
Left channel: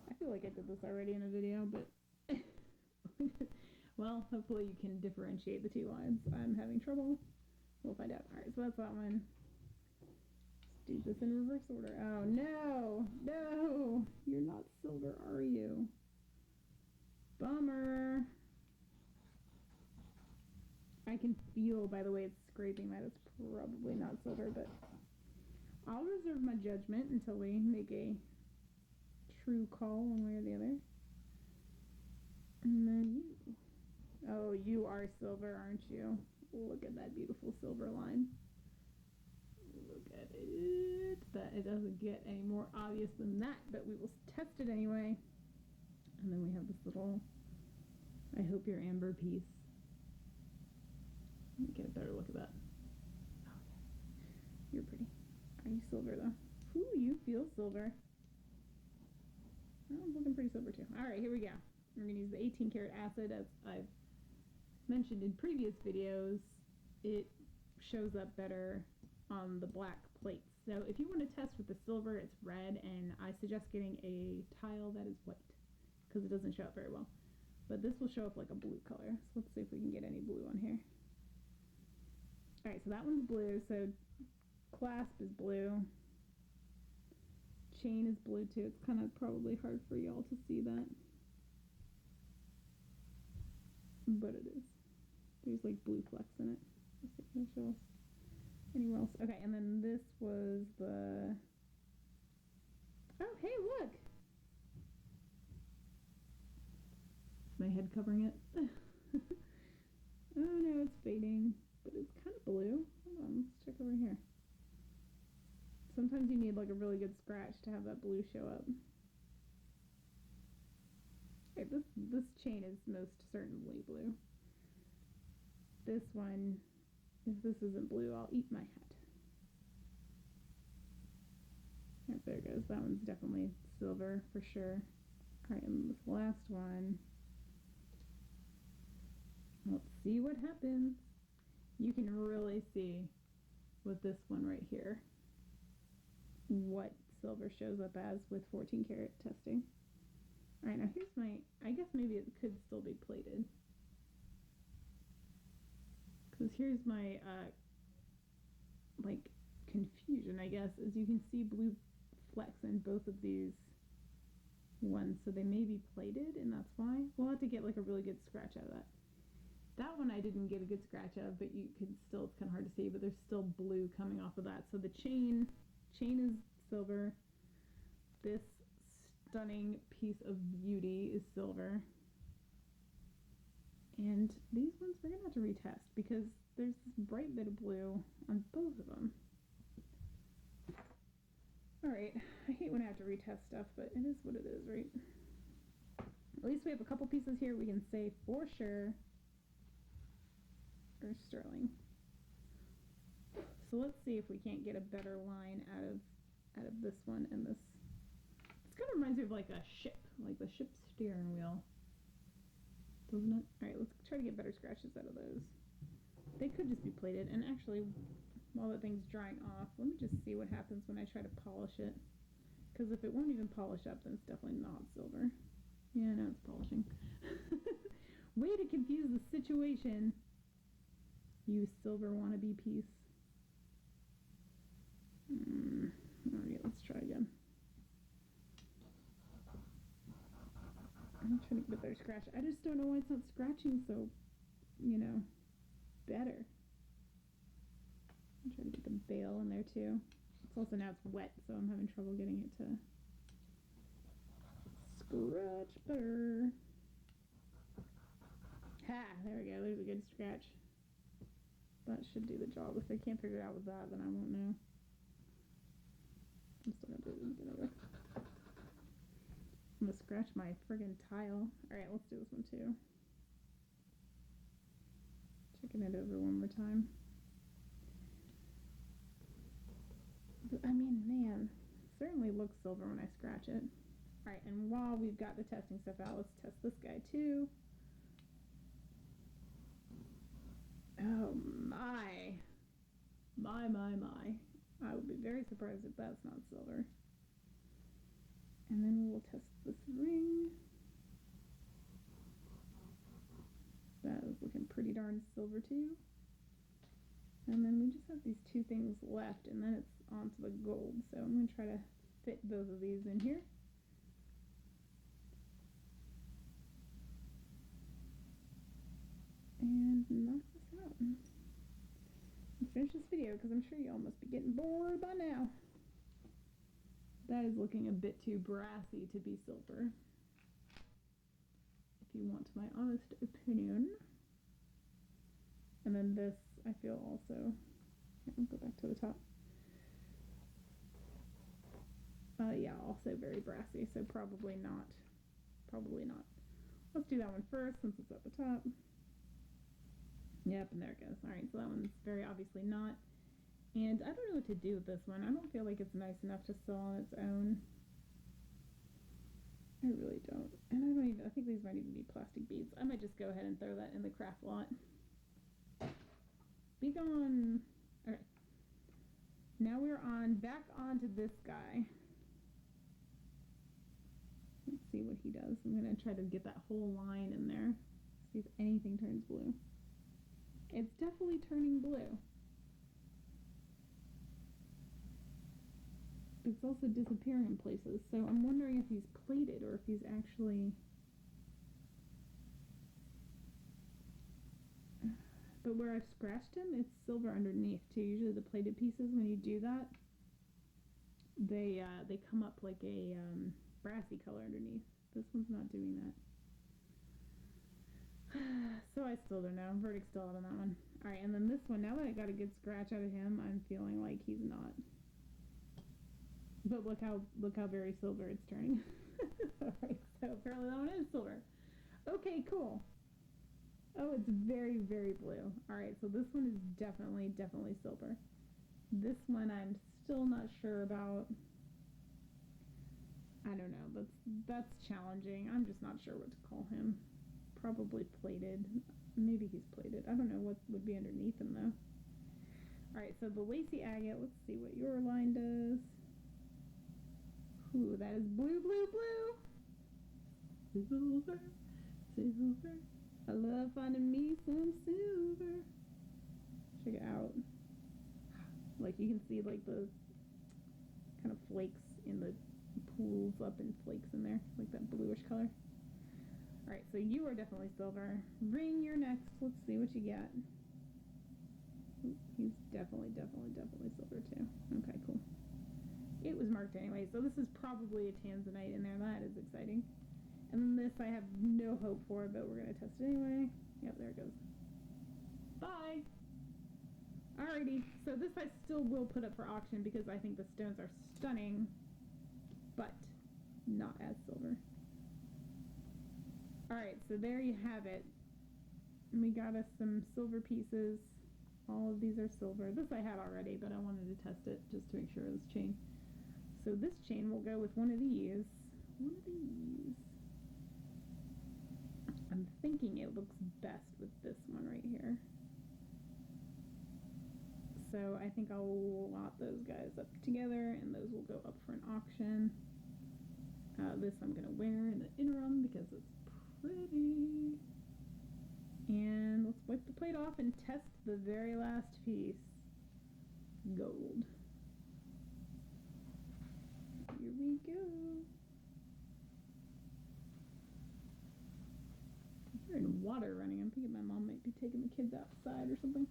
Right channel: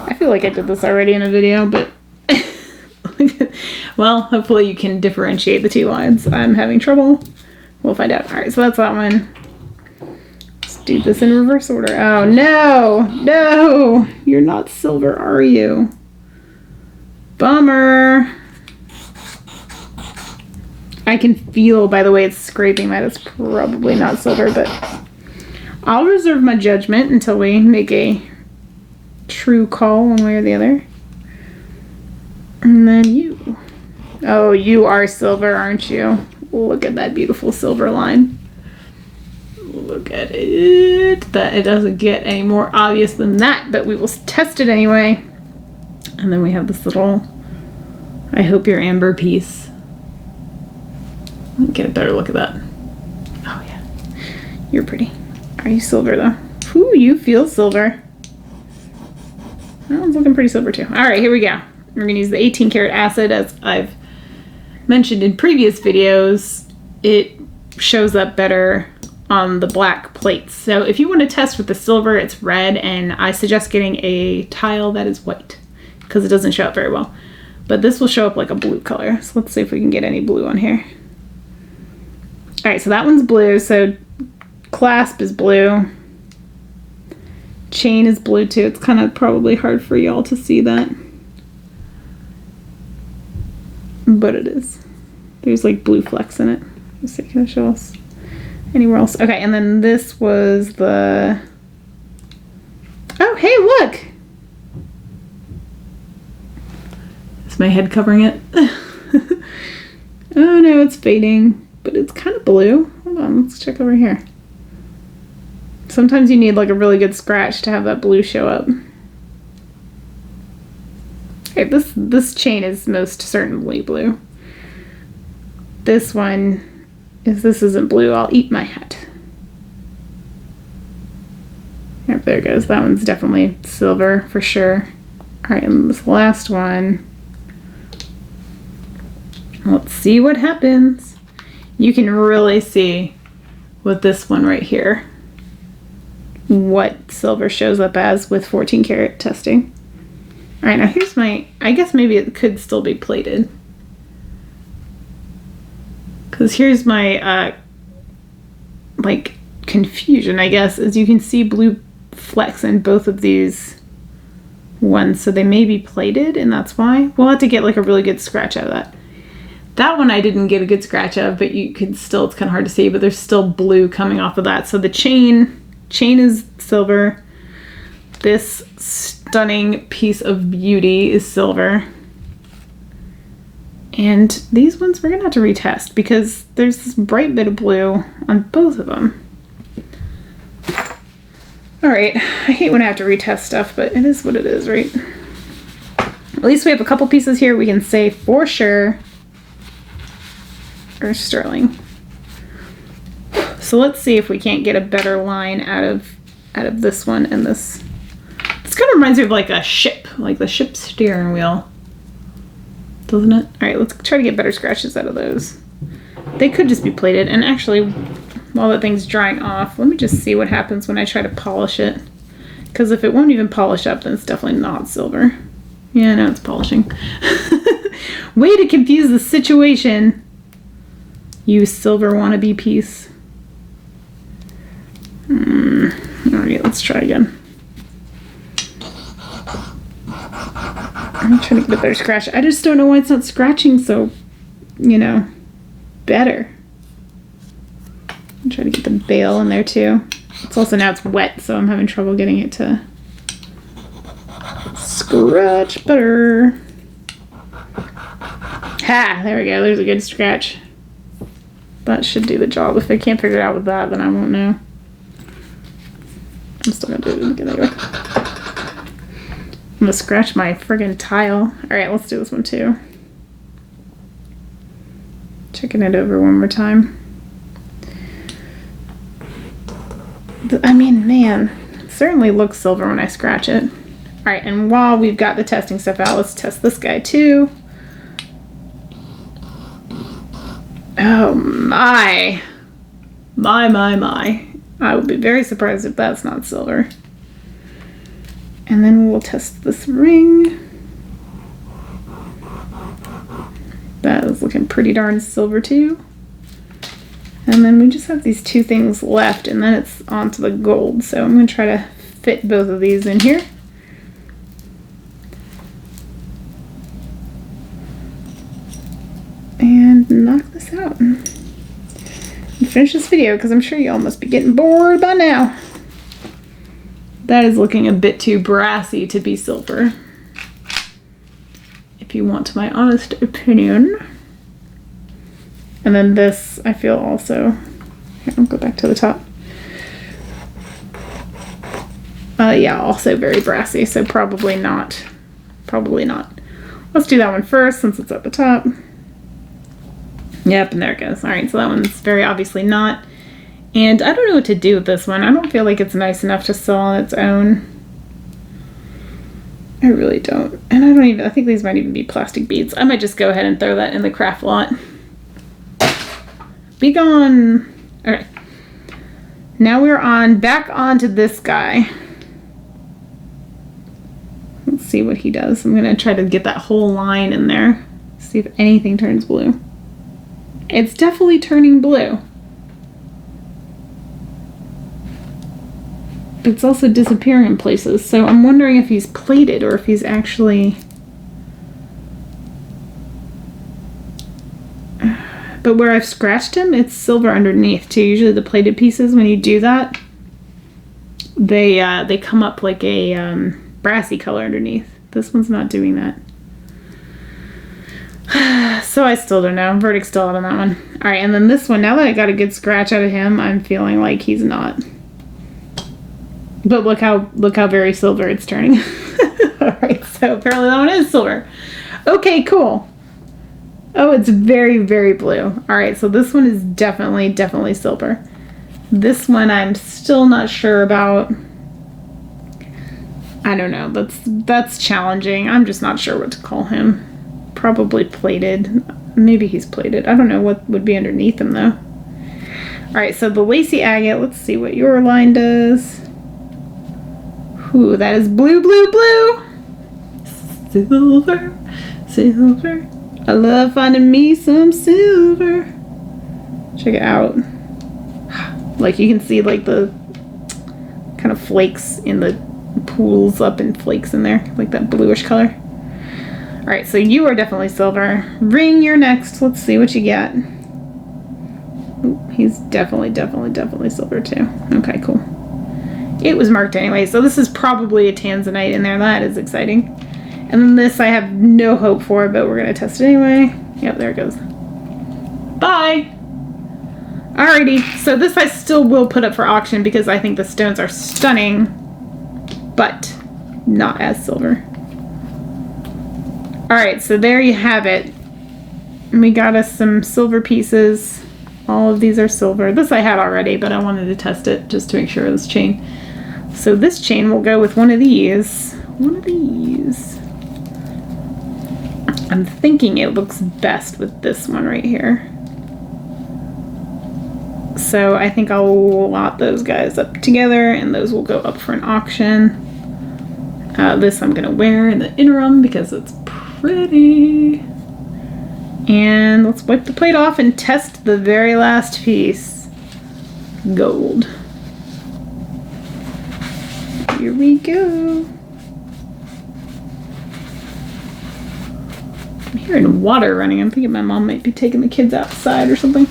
I feel like I did this already in a video, but well, hopefully you can differentiate the two lines. I'm having trouble. We'll find out. All right, so that's that one. Do this in reverse order. Oh no, no, you're not silver, are you? Bummer. I can feel by the way it's scraping that it's probably not silver, but I'll reserve my judgment until we make a true call one way or the other. And then you. Oh, you are silver, aren't you? Look at that beautiful silver line. Look at it. That it doesn't get any more obvious than that, but we will test it anyway. And then we have this little, I hope you're amber piece. Get a better look at that. Oh yeah, you're pretty. Are you silver though? Ooh, you feel silver. That one's looking pretty silver too. All right, here we go. We're gonna use the 18 karat acid. As I've mentioned in previous videos, it shows up better on the black plates. So if you want to test with the silver, it's red, and I suggest getting a tile that is white because it doesn't show up very well. But this will show up like a blue color. So let's see if we can get any blue on here. All right, so that one's blue. So clasp is blue. Chain is blue too. It's kind of probably hard for y'all to see that. But it is. There's like blue flecks in it. Let's see, can I show us anywhere else? Okay, and then this was the... Oh, hey, look! Is my head covering it? Oh no, it's fading, but it's kind of blue. Hold on, let's check over here. Sometimes you need like a really good scratch to have that blue show up. Okay, this chain is most certainly blue. This one, if this isn't blue, I'll eat my hat. Yep, there it goes. That one's definitely silver for sure. All right, and this last one. Let's see what happens. You can really see with this one right here what silver shows up as with 14 karat testing. All right, now here's my, I guess maybe it could still be plated. Because here's my, like, confusion, I guess, as you can see blue flecks in both of these ones. So they may be plated, and that's why. We'll have to get, like, a really good scratch out of that. That one I didn't get a good scratch of, but you can still, it's kind of hard to see, but there's still blue coming off of that. So the chain is silver. This stunning piece of beauty is silver. And these ones we're gonna have to retest because there's this bright bit of blue on both of them. All right, I hate when I have to retest stuff, but it is what it is, right? At least we have a couple pieces here we can say for sure are sterling. So let's see if we can't get a better line out of this one and this. This kind of reminds me of like a ship, like the ship's steering wheel, doesn't it? All right, let's try to get better scratches out of those. They could just be plated. And actually, while that thing's drying off, let me just see what happens when I try to polish it. Because if it won't even polish up, then it's definitely not silver. Yeah, no, it's polishing. Way to confuse the situation, you silver wannabe piece. All right, let's try again. I'm trying to get a better scratch. I just don't know why it's not scratching so, you know, better. I'm trying to get the bail in there too. It's also, now it's wet, so I'm having trouble getting it to scratch better. Ha! There we go. There's a good scratch. That should do the job. If I can't figure it out with that, then I won't know. I'm still gonna do it again. There we go. I'm gonna scratch my friggin' tile. All right, let's do this one too. Checking it over one more time. I mean, man, it certainly looks silver when I scratch it. All right, and while we've got the testing stuff out, let's test this guy too. Oh my. My. I would be very surprised if that's not silver. And then we'll test this ring. That is looking pretty darn silver too. And then we just have these two things left, and then it's on to the gold. So I'm going to try to fit both of these in here. And knock this out. And finish this video, because I'm sure y'all must be getting bored by now. That is looking a bit too brassy to be silver, if you want my honest opinion. And then this, I feel also, here, I'll go back to the top. Yeah, also very brassy, so probably not. Probably not. Let's do that one first since it's at the top. Yep, and there it goes. All right, so that one's very obviously not. And I don't know what to do with this one. I don't feel like it's nice enough to sell on its own. I really don't. And I think these might even be plastic beads. I might just go ahead and throw that in the craft lot. Be gone. All right. Now we're back onto this guy. Let's see what he does. I'm gonna try to get that whole line in there. See if anything turns blue. It's definitely turning blue. It's also disappearing in places, so I'm wondering if he's plated or if he's actually... But where I've scratched him, it's silver underneath too. Usually the plated pieces, when you do that, they come up like a brassy color underneath. This one's not doing that. So I still don't know. Verdict still out on that one. All right, and then this one, now that I got a good scratch out of him, I'm feeling like he's not. But look how very silver it's turning. All right, so apparently that one is silver. Okay, cool. Oh, it's very, very blue. All right, so this one is definitely silver. This one I'm still not sure about. I don't know. That's challenging. I'm just not sure what to call him. Probably plated. Maybe he's plated. I don't know what would be underneath him though. All right, so the Lacy Agate. Let's see what your line does. Ooh, that is blue, blue, blue. Silver, silver. I love finding me some silver. Check it out. Like you can see like the kind of flakes in the pools up in flakes in there, like that bluish color. All right, so you are definitely silver. Ring, you're next. Let's see what you get. Ooh, he's definitely silver too. Okay, cool. It was marked anyway, so this is probably a tanzanite in there. That is exciting. And then this I have no hope for, but we're gonna test it anyway. Yep, there it goes. Bye! Alrighty, so this I still will put up for auction because I think the stones are stunning, but not as silver. Alright, so there you have it. And we got us some silver pieces. All of these are silver. This I had already, but I wanted to test it just to make sure this chain. So this chain will go with one of these. One of these. I'm thinking it looks best with this one right here. So I think I'll lot those guys up together and those will go up for an auction. This I'm gonna wear in the interim because it's pretty. And let's wipe the plate off and test the very last piece. Gold. Here we go. I'm hearing water running. I'm thinking my mom might be taking the kids outside or something.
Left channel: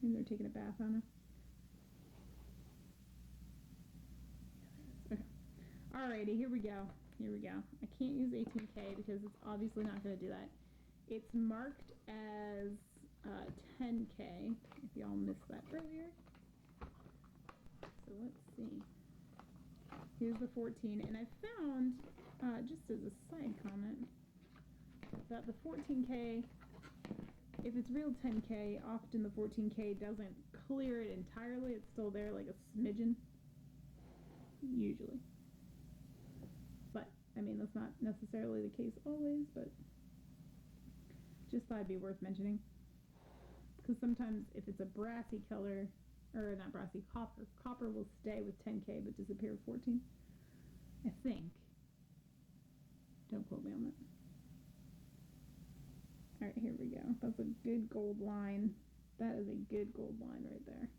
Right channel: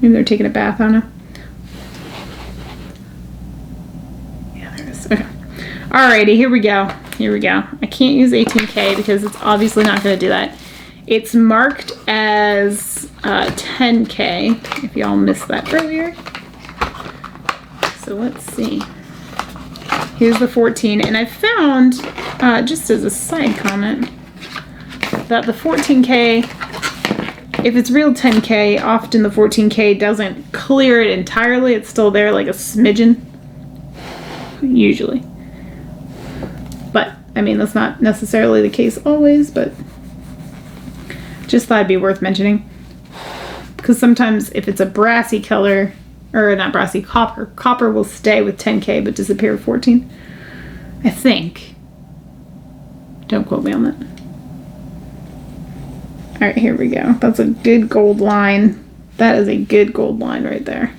Maybe they're taking a bath, I don't know. Yeah, there it is. Okay. Alrighty, here we go. Here we go. I can't use 18K because it's obviously not going to do that. It's marked as 10K, if y'all missed that earlier. So let's see. Here's the 14, and I found, just as a side comment, that the 14K, if it's real 10K, often the 14K doesn't clear it entirely. It's still there like a smidgen, usually. But, I mean, that's not necessarily the case always, but just thought it'd be worth mentioning. Because sometimes if it's a brassy color, or not brassy, copper will stay with 10K but disappear with 14. I think. Don't quote me on that. Alright, here we go. That's a good gold line. That is a good gold line right there.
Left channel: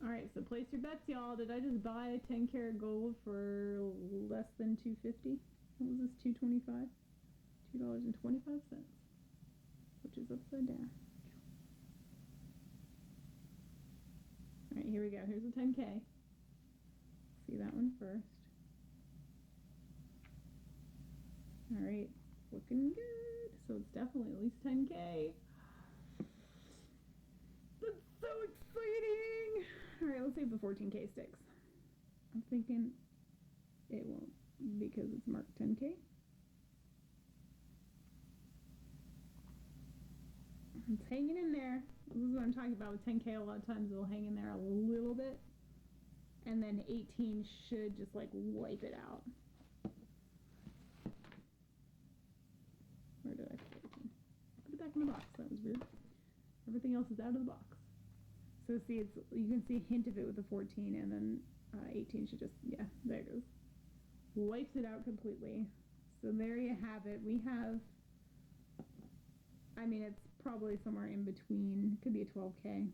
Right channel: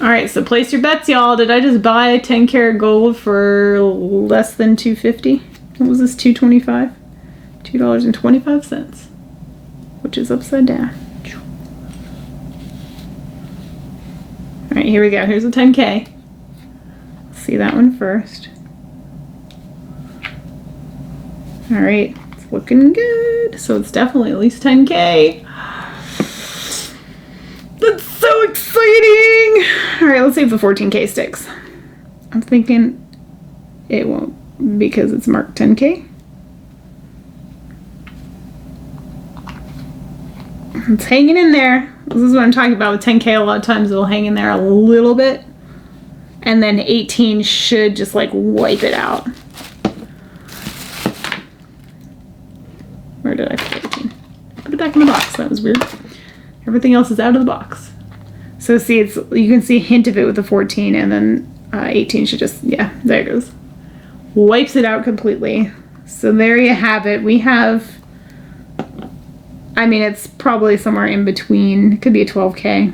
Alright, so place your bets, y'all. Did I just buy 10 karat gold for less than $2.50? What was this, $2.25? $2.25, which is upside down. Alright, here we go. Here's a 10K. see that one first. All right, it's looking good. So it's definitely at least 10K. That's so exciting. All right, let's see if the 14K sticks. I'm thinking it won't because it's marked 10K. It's hanging in there. This is what I'm talking about with 10K. A lot of times it'll hang in there a little bit. And then 18 should just like wipe it out. Where did I put 18? Put it back in the box. That was weird. Everything else is out of the box. So see, it's you can see a hint of it with the 14, and then 18 should just, yeah, there it goes. Wipes it out completely. So there you have it. We have, I mean, it's probably somewhere in between. It could be a 12K,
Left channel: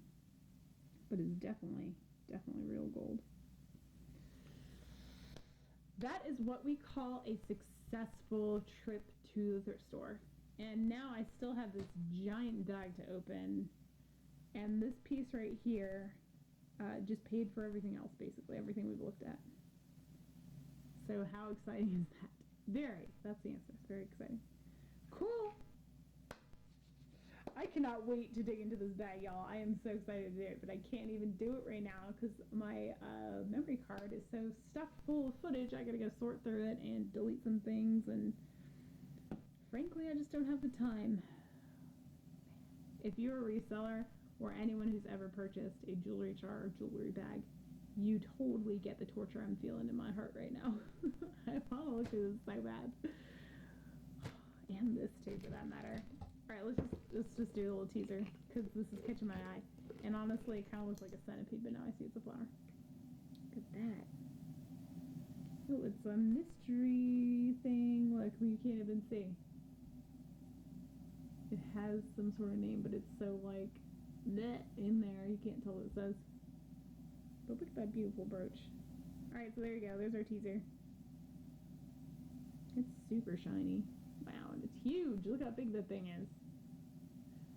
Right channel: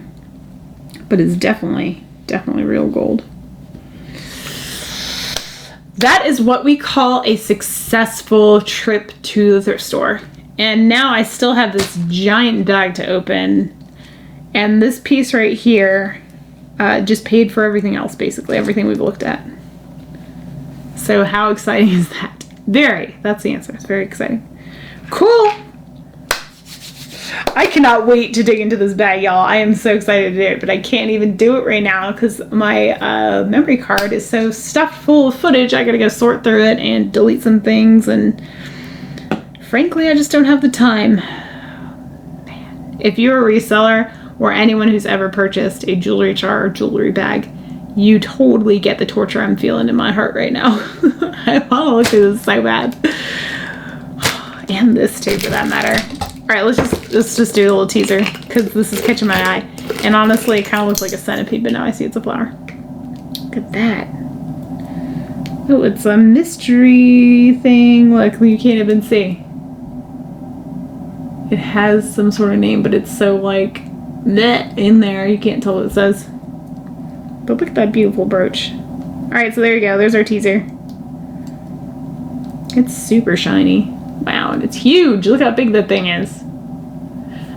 but it's definitely real gold. That is what we call a successful trip to the thrift store. And now I still have this giant bag to open. And this piece right here just paid for everything else, basically, everything we've looked at. So how exciting is that? Very. That's the answer. It's very exciting. Cool. I cannot wait to dig into this bag, y'all. I am so excited to do it, but I can't even do it right now because my memory card is so stuffed full of footage. I gotta go sort through it and delete some things, and frankly, I just don't have the time. Man. If you're a reseller or anyone who's ever purchased a jewelry jar or jewelry bag, you totally get the torture I'm feeling in my heart right now. I want to look at this so bad. And this too, for that matter. All right, let's just do a little teaser because this is catching my eye. And honestly, it kind of looks like a centipede, but now I see it's a flower. Look at that. Oh, it's a mystery thing. Look, you can't even see. It has some sort of name, but it's so like meh in there. You can't tell what it says. But look at that beautiful brooch. All right, so there you go. There's our teaser. It's super shiny. Wow, and it's huge. Look how big that thing is.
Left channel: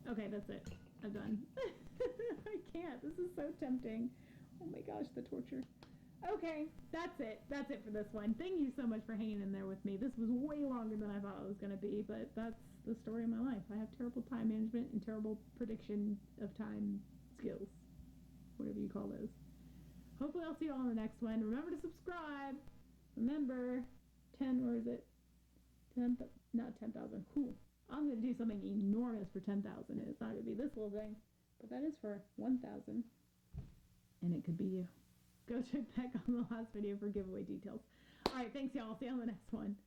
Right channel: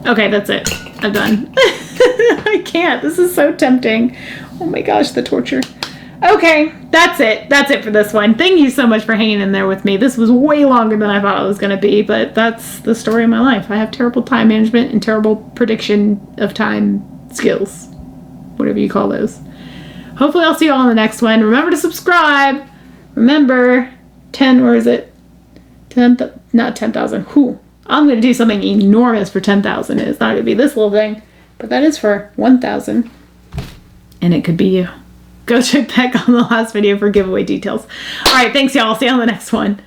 Okay, that's it. I'm done. I can't. This is so tempting. Oh my gosh, the torture. Okay, that's it. That's it for this one. Thank you so much for hanging in there with me. This was way longer than I thought it was going to be, but that's the story of my life. I have terrible time management and terrible prediction of time skills. Whatever you call those. Hopefully I'll see you all in the next one. Remember to subscribe. Remember, 10, where is it? 10, not 10,000. Whew. I'm going to do something enormous for 10,000. It's not going to be this little thing, but that is for 1,000. And it could be you. Go check back on the last video for giveaway details. All right, thanks, y'all. I'll see you on the next one.